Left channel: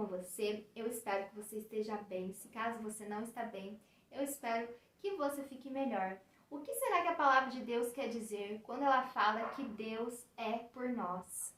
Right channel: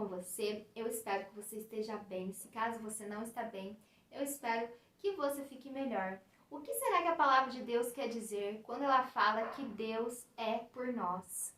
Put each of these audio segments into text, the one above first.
com você? Eu espero que você esteja bem. Se caso você não está bem, eu espero que você fique melhor. O que será que a palavra de Deus quer dizer quando ela fala que Deus é por nós?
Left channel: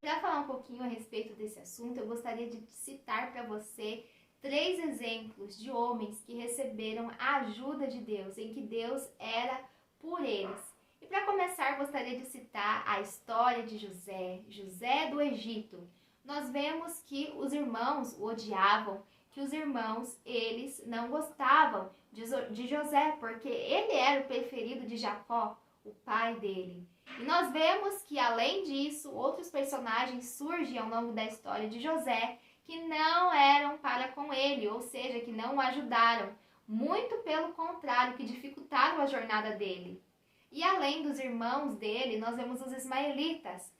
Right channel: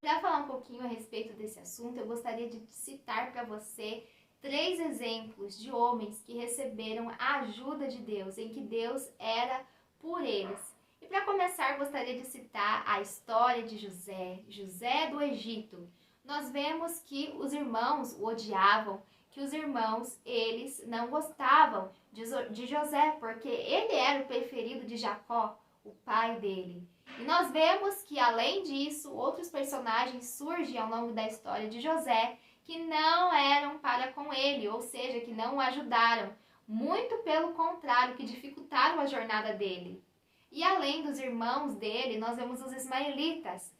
Para falar um pouquinho a respeito desse assunto, eu gostaria de citar para você 3 exemplos de homens que receberam a ajuda de Deus, em que Deus era por eles. E para começar, gostaria de citar a história de José do Egito. Nós vemos que os irmãos o odiavam, que os irmãos, eles não gostavam de José, porque ele era o preferido de Jacó, o pai dele. E nós vemos que, além disso, outros personagens surgem ao longo da história de José que não eram para com ele, ou seja, que não o ajudaram. Muito pelo contrário, que dificultaram a jornada dele. E além dos irmãos dele, nós vemos os ismaelitas,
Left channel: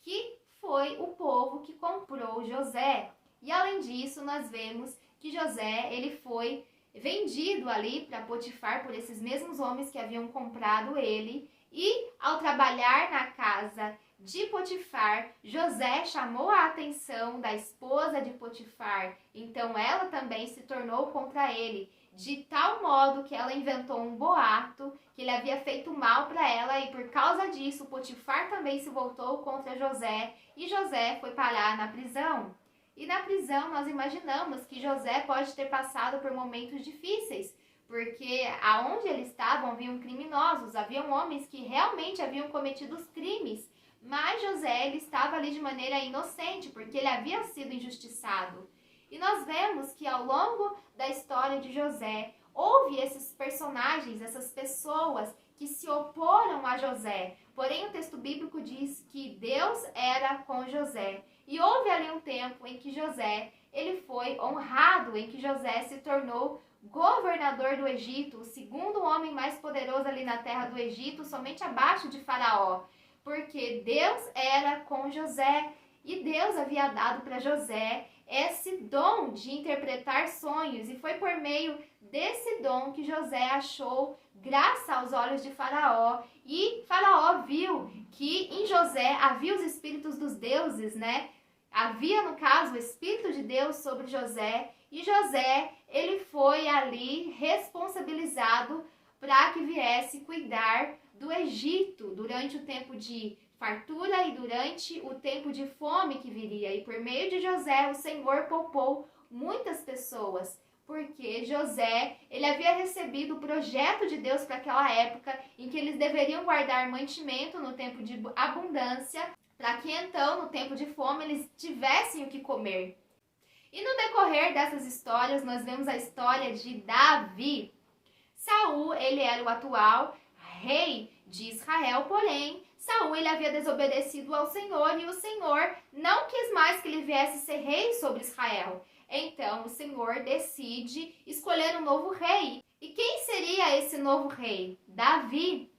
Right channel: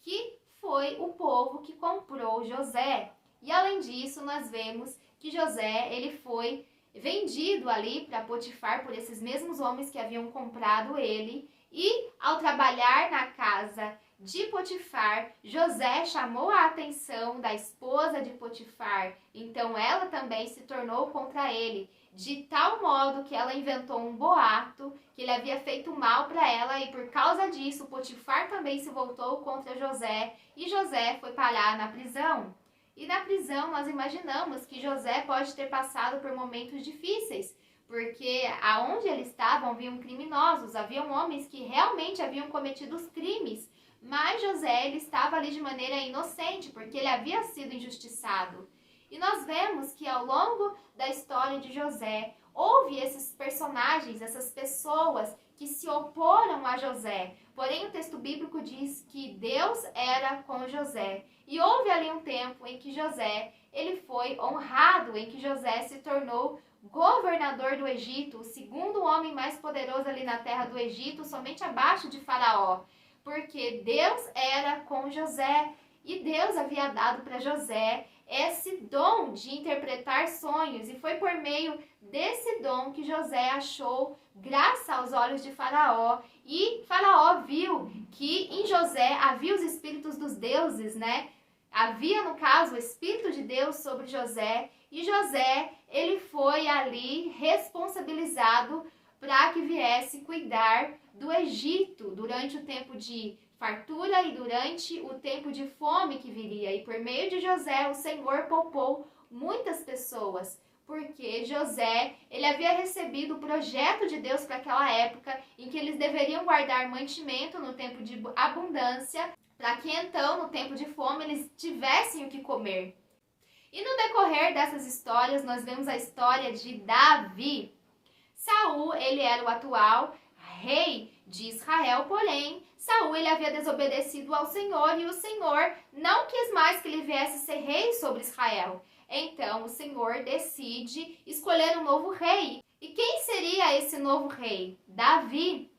que foi o povo que comprou José. E além disso, nós vemos que José, ele foi vendido ali para Potifar por esses mesmos homens que haviam comprado ele. E ao trabalhar na casa de Potifar, José chamou a atenção da esposa de Potifar. Então ela também se tornou contra ele, de tal modo que ela inventou um boato que ele havia feito mal para ela, e por causa disso Potifar também se voltou contra José e José foi parar na prisão. E na prisão nós imaginamos que José pode ter passado por momentos difíceis, porque aonde eles estavam haviam criminosos, haviam homens que realmente haviam cometido os crimes, mas José ele estava ali de maneira inocente, porque ele havia sido injustiçado. E nós vemos que ao longo da história de José, houve esses personagens, essas pessoas que se oporam a José. Porém, o texto bíblico diz que Deus era com José. E houve ali um tempo em que José ele foi honrado, em que José se tornou governador do Egito, o segundo homem mais poderoso ali na terra do Egito, somente abaixo de Faraó. Porque Deus era com José e Deus havia dado para José esse dom de interpretar sonhos, e foi por meio desse dom que José achou graça aos olhos de Faraó, e Faraó viu que em José havia os espíritos dos deuses, né? Havia, no caso, o Espírito de Deus sobre José, e José, ele foi ali responsabilizado para que viesse cuidar do Egito durante o tempo de fartura e durante o tempo de fome que viria. E por meio de José, o Senhor poupou muitas pessoas, porque José, ele havia recebido o projeto de Deus para aquela época, em que eles deveriam guardar mantimento no tempo de abundância, para que então, no tempo de fome, eles tivessem o que comer. E no decorrer dessas histórias, nós vemos a história de Davi. Saul, ele era o atual rei de Israel, porém, Saul ele havia desobedecido ao Senhor, e o Senhor não quis mais que ele viesse ser rei sobre Israel. Então, o Senhor decide escolher um novo rei. E quem seria esse novo rei? Davi.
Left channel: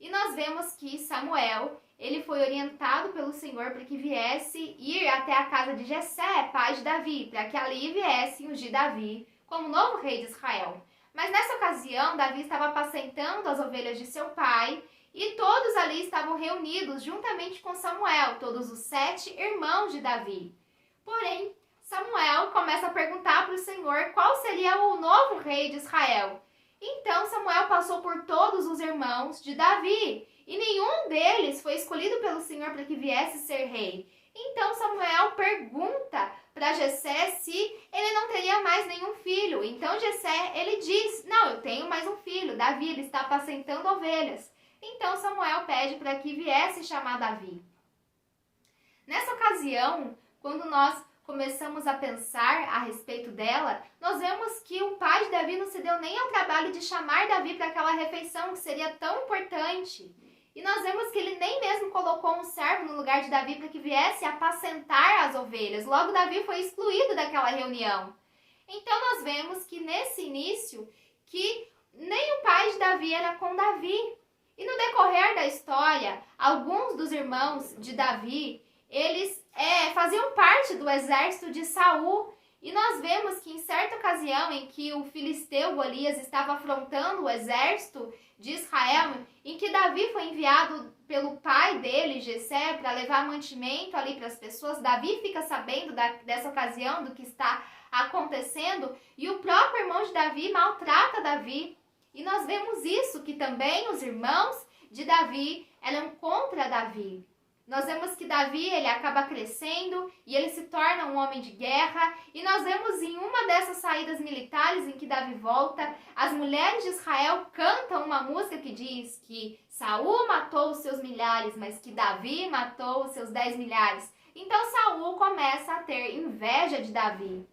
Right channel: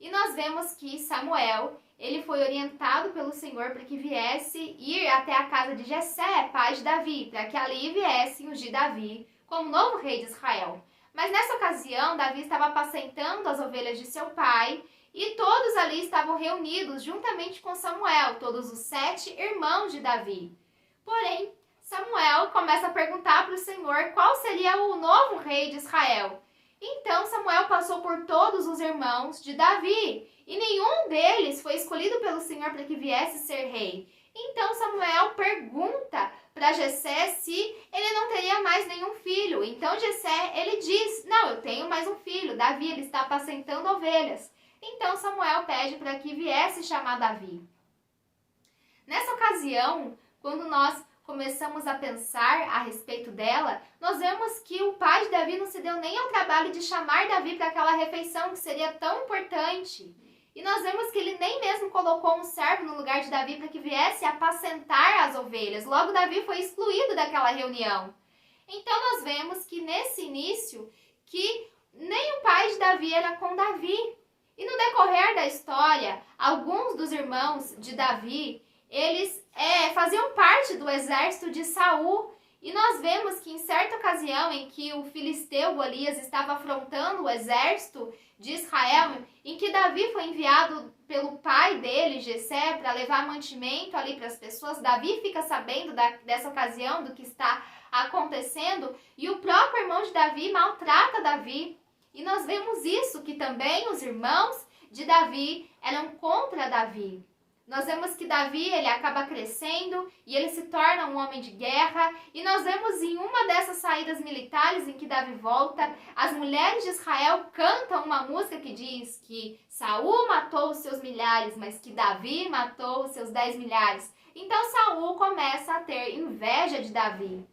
E nós vemos que Samuel, ele foi orientado pelo Senhor para que viesse ir até a casa de Jessé, pai de Davi, para que ali viesse ungir Davi como novo rei de Israel. Mas nessa ocasião, Davi estava apacentando as ovelhas de seu pai, e todos ali estavam reunidos juntamente com Samuel, todos os 7 irmãos de Davi. Porém, Samuel começa a perguntar para o Senhor qual seria o novo rei de Israel. Então Samuel passou por todos os irmãos de Davi, e nenhum deles foi escolhido pelo Senhor para que viesse ser rei. Então Samuel pergunta para Jessé se ele não teria mais nenhum filho. Então Jessé, ele diz: não, eu tenho mais um filho, Davi, ele está apacentando ovelhas. Então Samuel pede para que viesse chamar Davi. Nessa ocasião, quando nós começamos a pensar a respeito dela, nós vemos que o pai de Davi não se deu nem ao trabalho de chamar Davi para aquela refeição que seria tão importante. E nós vemos que ele nem mesmo colocou um servo no lugar de Davi para que viesse apacentar as ovelhas. Logo, Davi foi excluído daquela reunião. Então, nós vemos que nesse início, que nem o pai de Davi era com Davi. E no decorrer da história, alguns dos irmãos de Davi, eles faziam parte do exército de Saul. E nós vemos que em certa ocasião em que o filisteu Golias estava afrontando o exército de Israel, em que Davi foi enviado pelo pai dele, Jessé, para levar mantimento ali para as pessoas, Davi fica sabendo dessa ocasião, do que está acontecendo, e o próprio irmão de Davi maltrata Davi. E nós vemos isso, que também os irmãos de Davi eram contra Davi. Nós vemos que Davi, ele acaba crescendo e ele se torna um homem de guerra. E nós vemos em uma dessas saídas militares em que Davi volta, as mulheres de Israel cantam uma música que diz que Saul matou os seus milhares, mas que Davi matou os seus 10 milhares. Então Saul começa a ter inveja de Davi.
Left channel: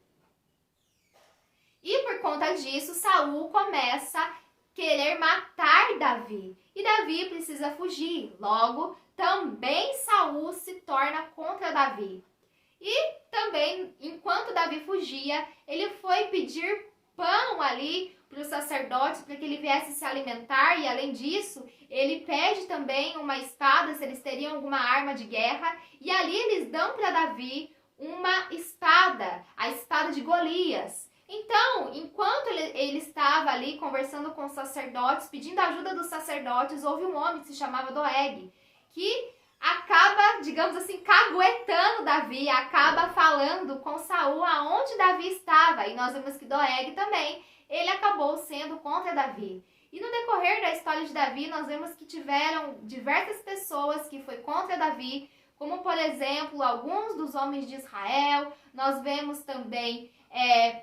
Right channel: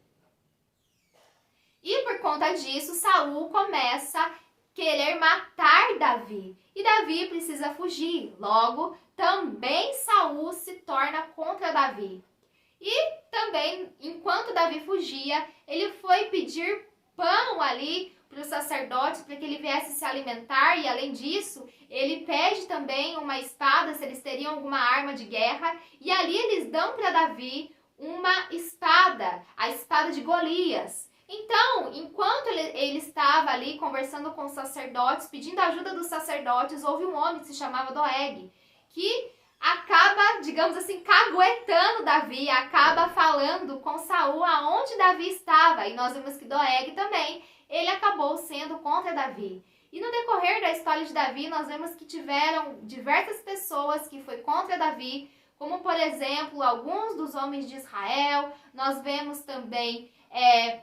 E por conta disso, Saul começa a querer matar Davi. E Davi precisa fugir. Logo, também Saul se torna contra Davi. E também, enquanto Davi fugia, ele foi pedir pão ali para os sacerdotes, para que ele viesse se alimentar. E além disso, ele pede também uma espada, se eles teriam alguma arma de guerra. E ali eles dão para Davi uma espada, a espada de Golias. Então, enquanto ele estava ali conversando com os sacerdotes, pedindo a ajuda dos sacerdotes, houve um homem que se chamava Doeg, que acaba, digamos assim, caguetando Davi, acaba falando com Saul aonde Davi estava. E nós vemos que Doeg também, ele acabou sendo contra Davi. E no decorrer da história de Davi, nós vemos que tiveram diversas pessoas que foi contra Davi, como, por exemplo, alguns dos homens de Israel. Nós vemos também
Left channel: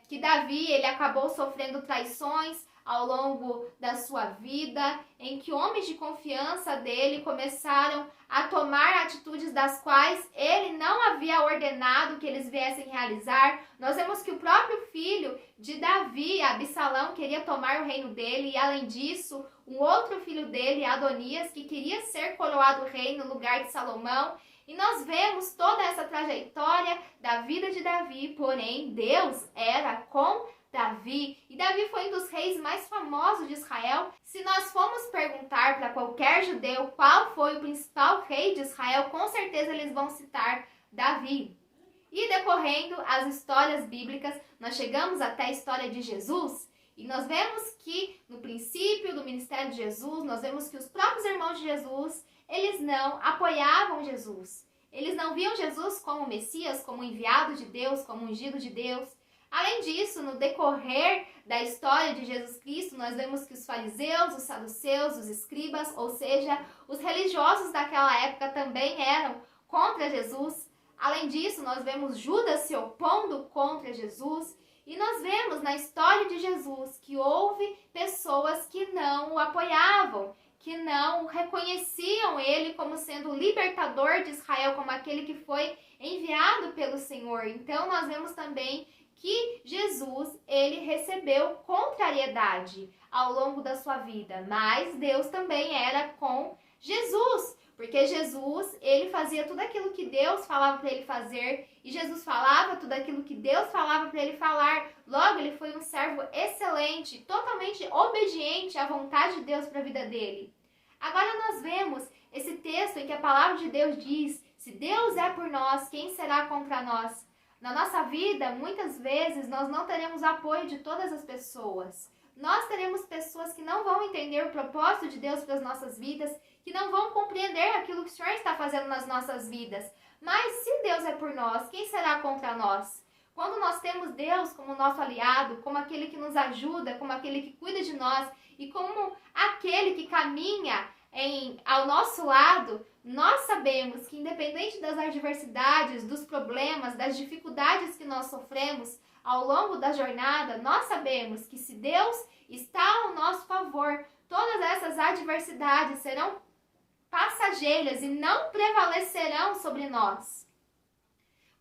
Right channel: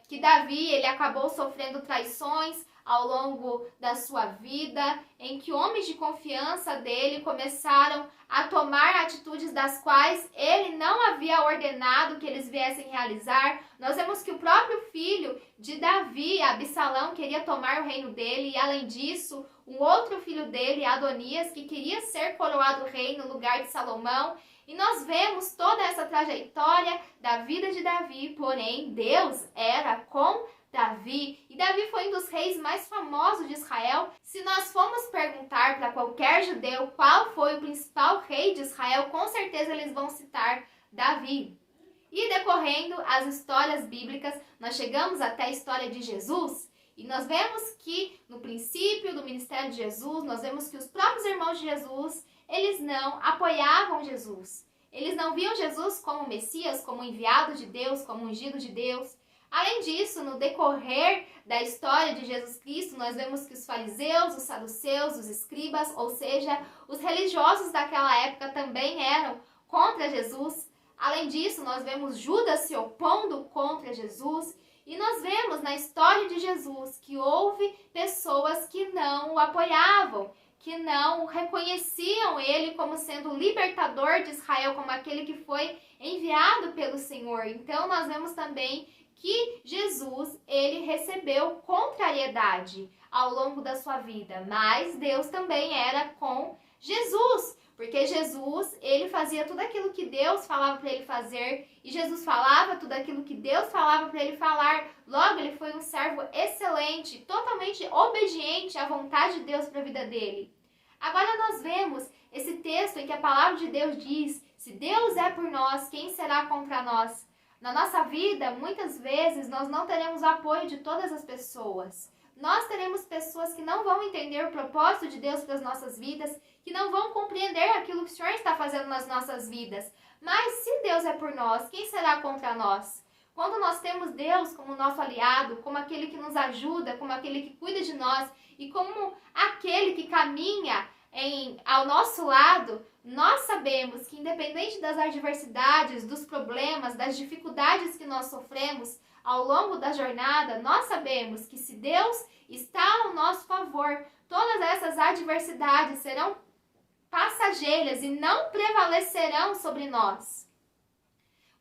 que Davi, ele acabou sofrendo traições ao longo da sua vida, em que homens de confiança dele começaram a tomar atitudes das quais ele não havia ordenado que eles viessem realizar. Nós vemos que o próprio filho de Davi, Absalão, queria tomar o reino dele, e além disso, um outro filho dele, Adonias, que queria ser coroado rei no lugar de Salomão. E nós vemos toda essa trajetória da vida de Davi, porém Deus era com Davi. E Davi foi um dos reis mais famosos de Israel. Se nós formos perguntar para qualquer judeu qual foi o principal rei de Israel, com certeza eles vão citar Davi. E decorrendo as histórias bíblicas, nós chegamos até a história de Jesus. E nós vemos que no princípio do ministério de Jesus, nós vemos que os próprios irmãos de Jesus, eles não apoiavam Jesus. Eles não viam Jesus como Messias, como enviado de Deus, como ungido de Deus. Além disso, no decorrer da história de Jesus Cristo, nós vemos que os fariseus, os saduceus, os escribas, ou seja, os religiosos daquela época também eram contra Jesus. Além disso, nós vemos Judas se opondo contra Jesus. E nós vemos na história de Jesus que houve pessoas que não o apoiavam, que não reconheciam ele como sendo o libertador de Israel, como aquele que foi enviado pelo Senhor. Então, nós vemos também que Jesus, ele recebeu contrariedade ao longo da sua vida, mas Deus também era com Jesus, porque Jesus, ele fazia tudo aquilo que Deus falava para ele fazer, e Jesus falava tudo aquilo que Deus falava para ele falar. Logo, ele foi um servo excelente, totalmente obediente à vontade de Deus para a vida dele. Agora nós vemos esse texto em que a palavra de Deus diz: se Deus é por nós, quem será contra nós? Na nossa vida, muitas vezes, nós não teremos apoio de todas as pessoas. Nós teremos pessoas que não vão entender o propósito de Deus para as nossas vidas, que não vão compreender aquilo que o Senhor está fazendo nas nossas vidas. Mas se Deus é por nós, quem será contra nós? Quando nós temos Deus como nosso aliado, como aquele que nos ajuda, como aquele que cuida de nós e como aquele que caminha ao nosso lado, nós sabemos que independente das adversidades, dos problemas, das dificuldades que nós sofremos ao longo da jornada, nós sabemos que se Deus está ao nosso favor, todas essas adversidades serão passageiras e não prevalecerão sobre nós.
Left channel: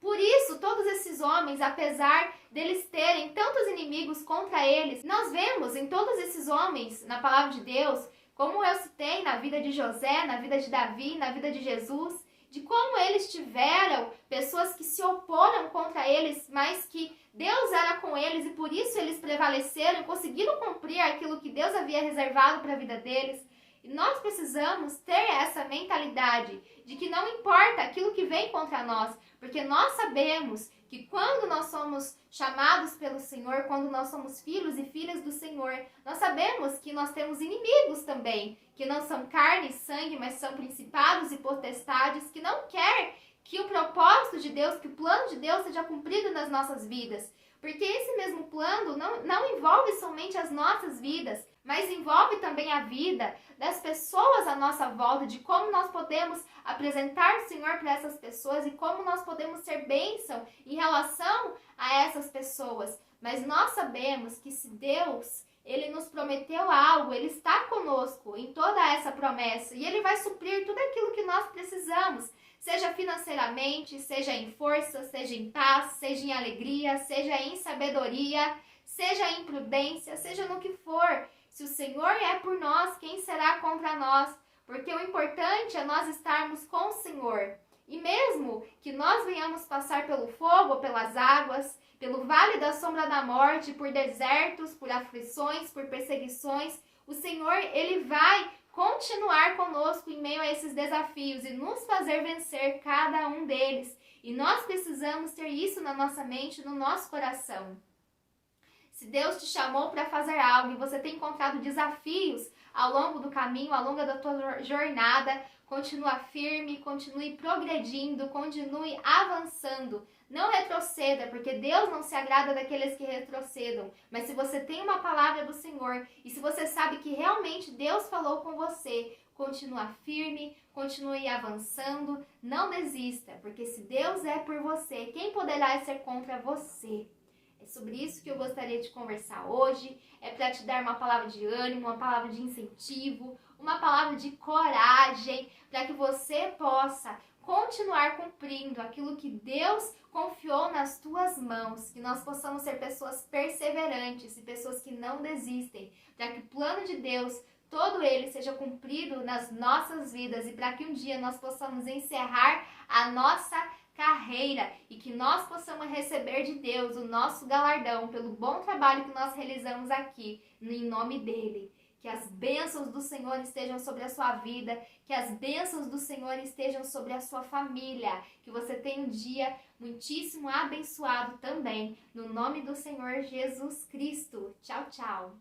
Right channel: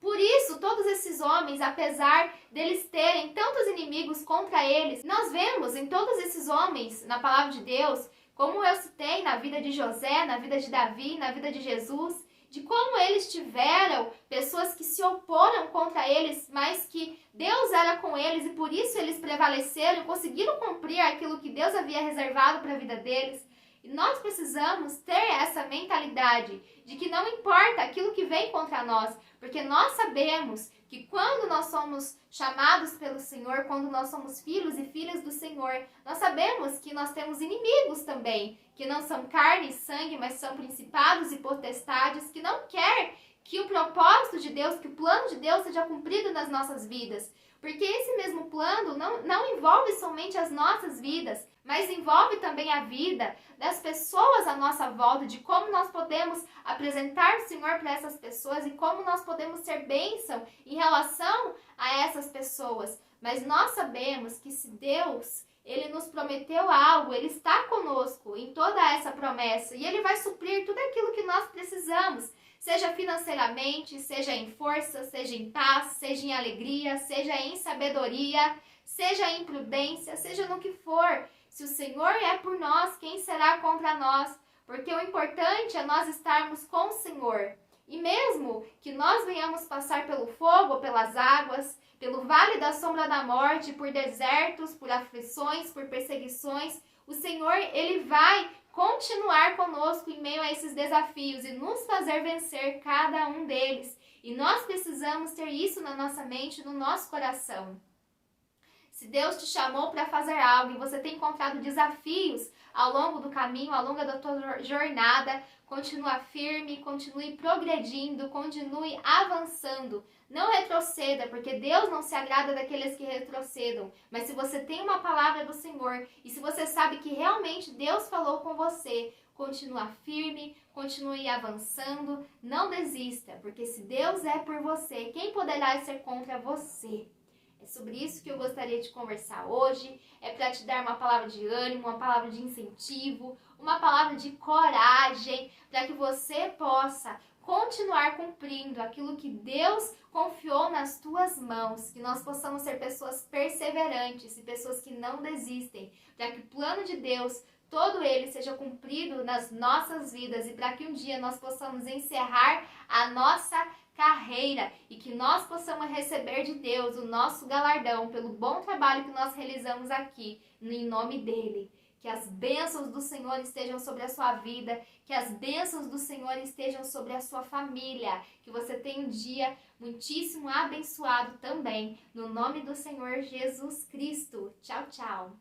Por isso, todos esses homens, apesar deles terem tantos inimigos contra eles, nós vemos em todos esses homens, na palavra de Deus, como eu citei na vida de José, na vida de Davi, na vida de Jesus, de como eles tiveram pessoas que se oporam contra eles, mas que Deus era com eles e por isso eles prevaleceram, conseguiram cumprir aquilo que Deus havia reservado para a vida deles. E nós precisamos ter essa mentalidade de que não importa aquilo que vem contra nós, porque nós sabemos que quando nós somos chamados pelo Senhor, quando nós somos filhos e filhas do Senhor, nós sabemos que nós temos inimigos também, que não são carne e sangue, mas são principados e potestades, que não quer que o propósito de Deus, que o plano de Deus seja cumprido nas nossas vidas. Porque esse mesmo plano não envolve somente as nossas vidas, mas envolve também a vida das pessoas à nossa volta, de como nós podemos apresentar o Senhor para essas pessoas e como nós podemos ser bênção em relação a essas pessoas. Mas nós sabemos que se Deus, Ele nos prometeu algo, Ele está conosco em toda essa promessa e Ele vai suprir tudo aquilo que nós precisamos, seja financeiramente, seja em força, seja em paz, seja em alegria, seja em sabedoria, seja em prudência, seja no que for. Se o Senhor é por nós, quem será contra nós? Porque o importante é nós estarmos com o Senhor. E mesmo que nós venhamos passar pelo fogo ou pelas águas, pelo vale da sombra da morte, por desertos, por aflições, por perseguições, o Senhor, Ele vai continuar conosco em meio a esses desafios e nos fazer vencer cada um deles. E nós precisamos ter isso na nossa mente, no nosso coração. Se Deus te chamou para fazer algo e você tem encontrado desafios ao longo do caminho, ao longo da tua jornada, continua firme, continue progredindo, continue avançando. Não retroceda, porque Deus não se agrada daqueles que retrocedam. Mas se você tem uma palavra do Senhor e se você sabe que realmente Deus falou com você, continua firme, continue avançando, não desista, porque se Deus é por você, quem poderá ser contra você? É sobre isso que eu gostaria de conversar hoje, é para te dar uma palavra de ânimo, uma palavra de incentivo, uma palavra de coragem, para que você possa continuar cumprindo aquilo que Deus confiou nas tuas mãos, que nós possamos ser pessoas perseverantes e pessoas que não desistem, para que o plano de Deus, todo ele seja cumprido nas nossas vidas e para que um dia nós possamos encerrar a nossa carreira e que nós possamos receber de Deus o nosso galardão pelo bom trabalho que nós realizamos aqui, em nome dele. Que as bênçãos do Senhor estejam sobre a sua vida, que as bênçãos do Senhor estejam sobre a sua família, que você tenha um dia muitíssimo abençoado também, no nome do Senhor Jesus Cristo. Tchau, tchau!